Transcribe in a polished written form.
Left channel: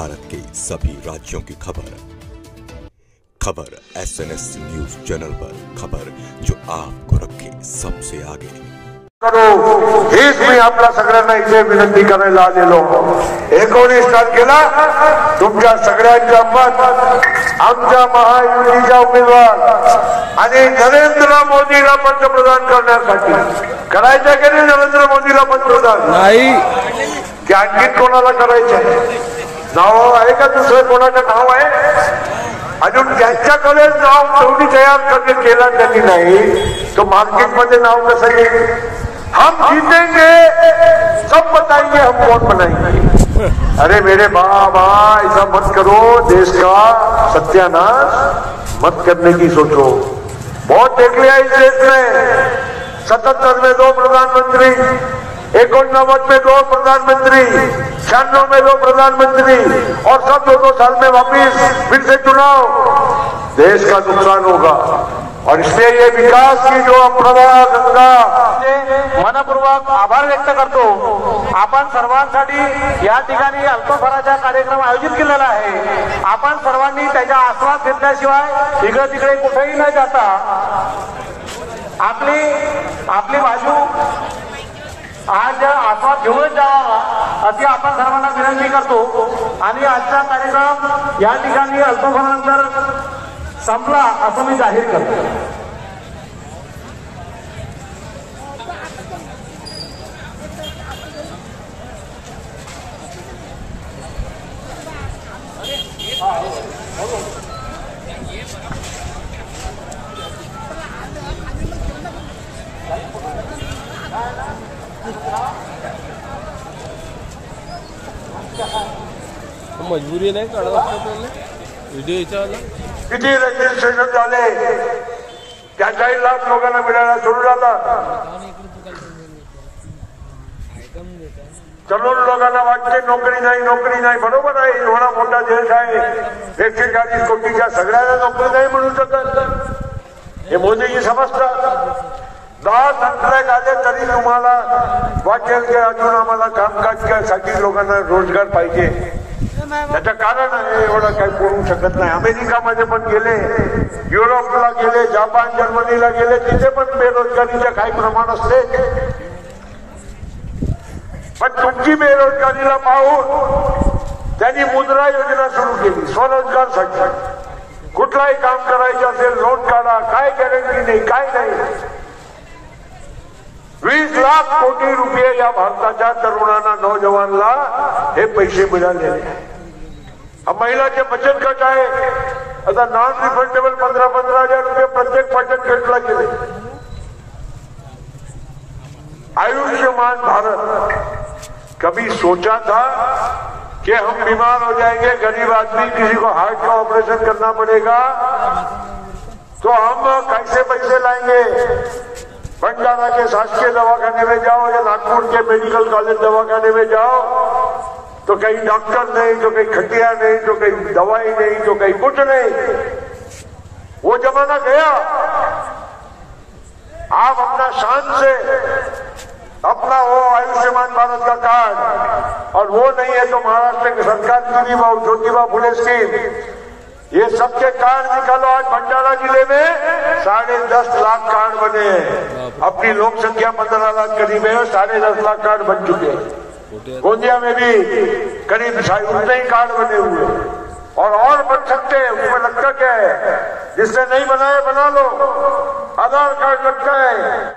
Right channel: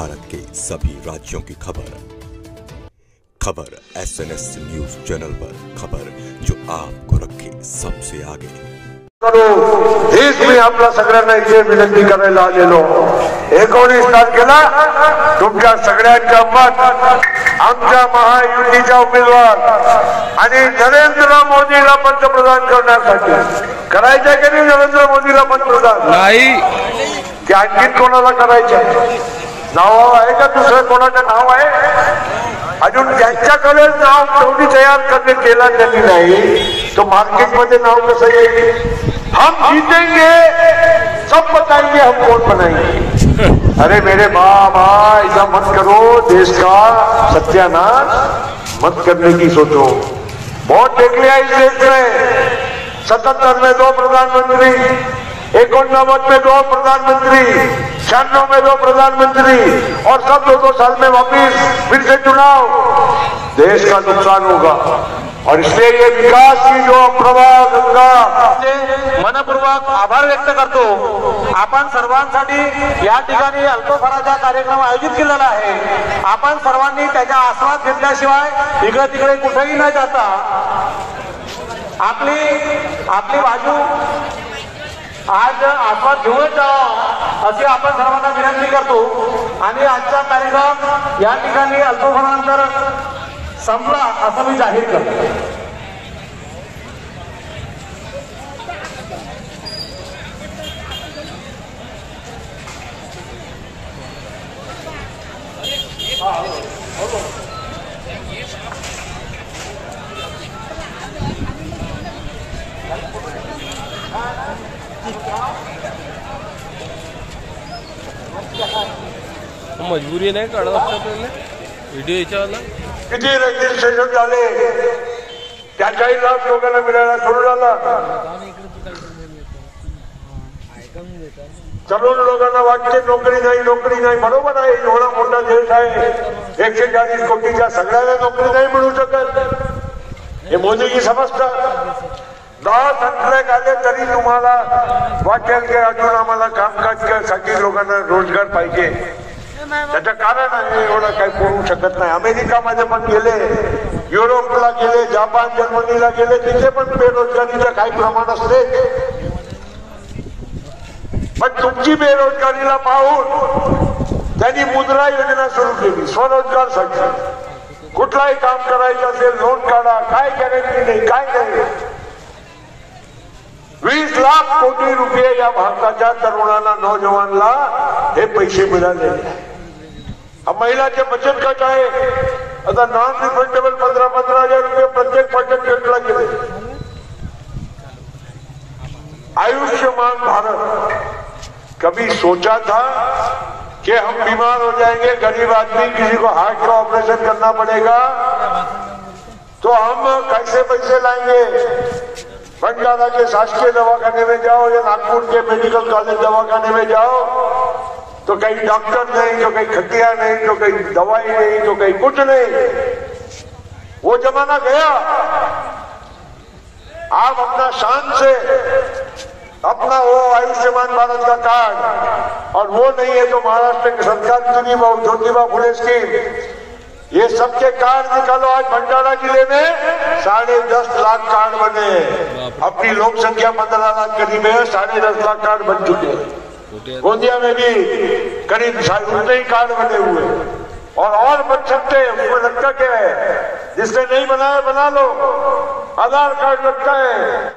भारत के सभी राज्यों की खबर SNS न्यूज चैनल पर, खबर जो आपको रखे सबसे आगे। हेच मी आपल्या सगळ्यांना इथे विनंती करायला आलेलो. 19 तारखेला तुमच्या सगळ्यांच्या मत आमच्या महायुतीच्या उमेदवार आणि नरेंद्र मोदीला पंतप्रधान करण्यासाठी करायचं की नाही? नरेंद्र मोदीला पंतप्रधान नाही की आणखी कोणाला करायचं? नाव आहे का दुसरं कोणाचं नाव आहे? अजून त्यांच्याकडे नाव तेवढी तयार केलं त्यांनी नाही, तो मार्केटमध्ये नाव कसं येईल? हम जीतेंगे, सब बताएंगे हम कौन बनाएंगे. अरे मेरे बाबा, ऐसा मत करो. देश का सत्यानाश मत करने की सोचो. बहुत देख लिया इस देश में. 77 में 2 प्रधानमंत्री, 89 में 2 प्रधानमंत्री, 96 में 2 प्रधानमंत्री और सब 2-2 साल में वापिस फिर से चुनाव. देश का नुकसान होगा और इसलिए ये विकास की जो अप्रभा गंगा मनपूर्वक आभार व्यक्त करतो. आपण सर्वांसाठी या ठिकाणी अल्पभराचा कार्यक्रम आयोजित केलेला आहे. आपण सर्वांनी त्याच्या आस्वाद घेतल्याशिवाय इकडे तिकडे कुठेही न जाता आपली बाजू आज आस्वाद घेऊन जावा अशी आपण सर्वांना विनंती करतो. आणि आजचा कार्यक्रम या ठिकाणी अल्पभरानंतर संपला असं मी जाहीर करतो. मजबुरी नाही काढत असतं आपल्याला व्हिडिओ याच्यावाला. किती रजिस्ट्रेशन झाले? त्या 40 लाख लोकांना मिळायला सुरू झाला. तरुण लोकांना वाटते नोकरी नाही. बरोबर आहे, एवढा मोठा देश आहे, 140 कोटीच्या सगळ्यांना नोकरी नाही मिळू शकत. हे मोदीजी समजतं. 10 संकल्प आले तरी तुम्हाला वाटेल की अजून आम्हाला कामकाजासाठी लोकांना रोजगार पाहिजे. त्याचं कारण आहे, एवढं काही करू शकत नाही. अमेरिकामध्ये पण गेले, युरोपला गेले, जपान जर्मनीला गेले, तिथे पण बेरोजगारीचं काही प्रमाण असते. पण तुमची बेरोजगारीला पाहून त्यांनी मुद्रा योजना सुरू केली स्वरोजगारसाठी. कुठलाही काम करायचं असेल लोन काढा, काय गॅरंटी नाही, काय नाही. 20 लाख कोटी रुपये या भारताच्या तरुणांना, नौजवानला हे पैसे मिळालेले. महिलाचे बचत गट आहे, आता नॉन रिफंडेबल 15,000 रुपये प्रत्येक बचत गटला गेले. आयुष्मान भारत, कभी सोचा था कि हम बीमार हो जाएंगे, गरीब आदमी, किसी को हार्ट का ऑपरेशन करना पड़ेगा तो हम कैसे पैसे लाएंगे? बंजारा के शासकीय दवाखाने में जाओ या नागपुर के मेडिकल कॉलेज दवाखाने में जाओ तो कहीं डॉक्टर नहीं, जो कहीं खटिया नहीं, जो कहीं दवाई नहीं, जो कहीं कुछ नहीं. वो जमाना गया. आप अपना शान से अपना वो आयुष्मान भारत का कार्ड, और वो नहीं है तो महाराष्ट्र की सरकार की ज्योतिबा फुले स्कीम, ये सबके कार्ड निकालो. आज भंडारा जिले में 10.5 लाख कार्ड बने हैं. अपनी लोक संख्या 15 लाख करीब है, 10.5 लाख कार्ड बन चुके हैं. गोंदिया में भी करीब उतने ही कार्ड बने हुए और बन सकते हैं. उसमें लगता क्या है? जिससे नहीं बनाए बना लो, आधार कार्ड लगता है.